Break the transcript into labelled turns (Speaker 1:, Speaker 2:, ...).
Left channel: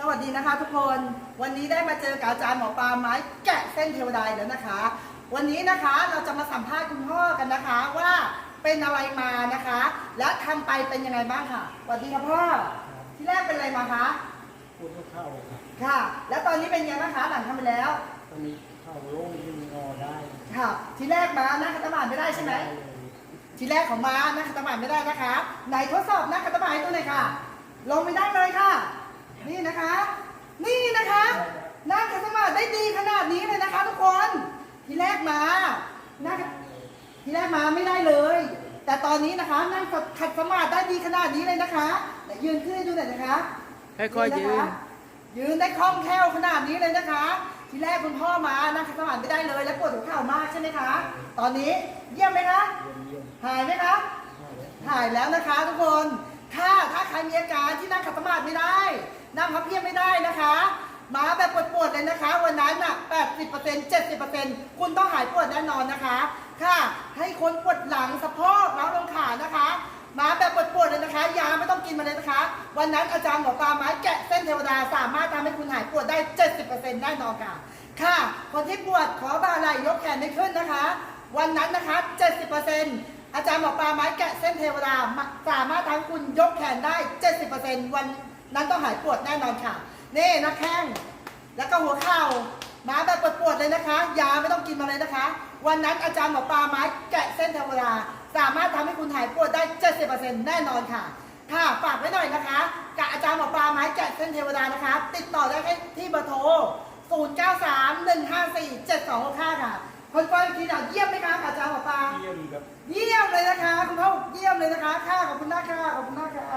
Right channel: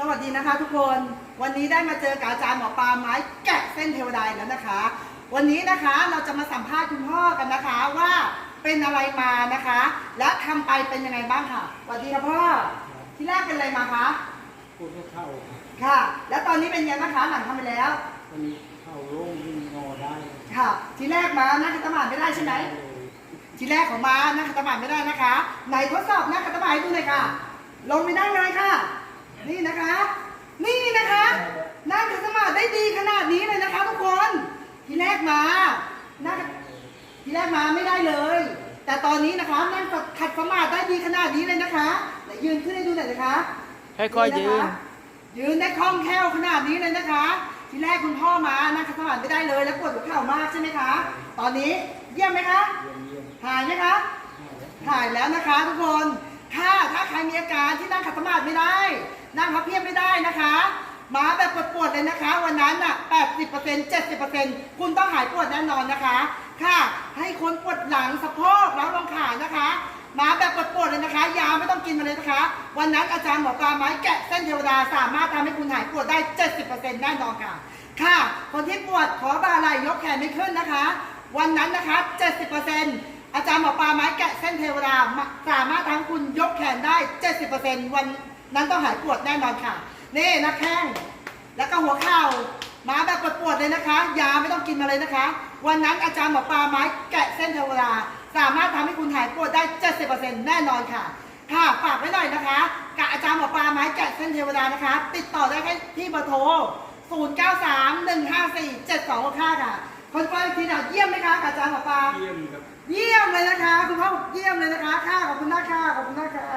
Speaker 1: สวัสดีนะคะทุกคนวันนี้ได้มาเจอกับอาจารย์หมอปลาไม้แกะเส้นเทวดาอีกแล้วนะคะ วันนี้นะคะเราจะมาสัมภาษณ์คุณพ่อกันนะคะว่าเป็นอะไรมานะคะ และทำไปเป็นยังไงบ้างค่ะสวัสดีค่ะพ่อที่แรกเป็นอะไรมาคะ
Speaker 2: พูดเข้าครับ
Speaker 1: ค่ะ แล้วตอนนี้เป็นยังไงนะคะหลังทำไปแล้ว
Speaker 2: ตอนนี้เข้าโล่งวิ่งงอได้
Speaker 1: ค่ะ ทีแรกมานั่งคัตมาานไม่ได้ใช่ไหม
Speaker 2: ด้เลย
Speaker 1: ทีแรกของมานั่งคัตมาานไม่ได้นะคะ ไหนทดสอบนั่งคัตมาานให้ดูหน่อยค่ะลงไปนั่งเลยค่ะ นี่นะคะ นี่นะคะ นั่งคัตมาานได้ดีขนาดนี้เลยนะคะ ทุกคน ทีแรก มานั่งทีแรกมาไม่ได้เลย แต่ตอนนี้นะคะนั่งขัดสมาธิได้ดีขนาดนี้เลยนะคะไหนยืนขึ้นให้ดูหน่อยนะคะ
Speaker 3: ค่อยๆยืน
Speaker 1: ยืนได้คล่องแคล่วขนาดนี้เลยนะคะ ทีแรกคุณพ่อมานั่งขัดสมาธิไม่ได้เลย แล้วปวดหัวเข่ามากใช่ไหมคะ ตอนนี้เยี่ยมไหมคะ
Speaker 2: เยี่ยมเยี่ยม
Speaker 1: หายไหมคะ
Speaker 2: ให้แล้ว
Speaker 1: หายแล้วนะคะทุกคนถ้าถ้าใครมีอาการที่นั่งขัดสมาธิไม่ได้ นั่งพับเพียบไม่ได้นะคะ มาแบบปวดๆเลยนะคะ วันนั้นอะ 80% 70%คุณต้องหายปวดแน่นอนนะคะ ค่ะ ให้คนปวดหลังสะโพกล้าวลงขานะคะ มาแบบปวดๆเลยนะคะ ยาไม่ต้องกินมาเลยนะคะ วันนั้นอาจารย์หมอปลาไม้แกะเส้นเทวดาสามารถทำให้คุณหายปวดได้ 70%แน่นอนค่ะ ค่ะ คนที่ปวดขอบ่าไหล่ยกแขนไม่ขึ้นนะคะ วันนั้นนะคะ 70%อาจารย์หมอปลาไม้แกะเส้นเทวดาสามารถทำให้คุณยกแขนได้ 70%วันนั้นต้องหายปวดแน่นอนค่ะนี่นะแข้ง แล้วก็หัวเข่ามาแบบปวดๆเลยนะคะ ยาไม่ต้องกินมาเลยนะคะ วันนั้นอาจารย์หมอปลาไม้แกะเส้นเทวดาสามารถทำให้คุณหายปวดได้ 70%แน่นอนค่ะ ค่ะ ฝากไว้หน่อยนะคะ กับอาจารย์หมอปลาไม้แกะเส้นเทวดานะคะ ติดต่อได้แค่ที่เบอร์โทร 0931547265 ค่ะ คนฟังอีกทีเดียวเยี่ยมไหมคะกับอาจารย์หมอปลา
Speaker 2: เยี่ยมครับ
Speaker 1: เยี่ยมเลยนะคะ คุณพ่อเยี่ยมเลยนะคะ ค่ะ ขอบคุณมากค่ะ ขอบคุณมากค่ะ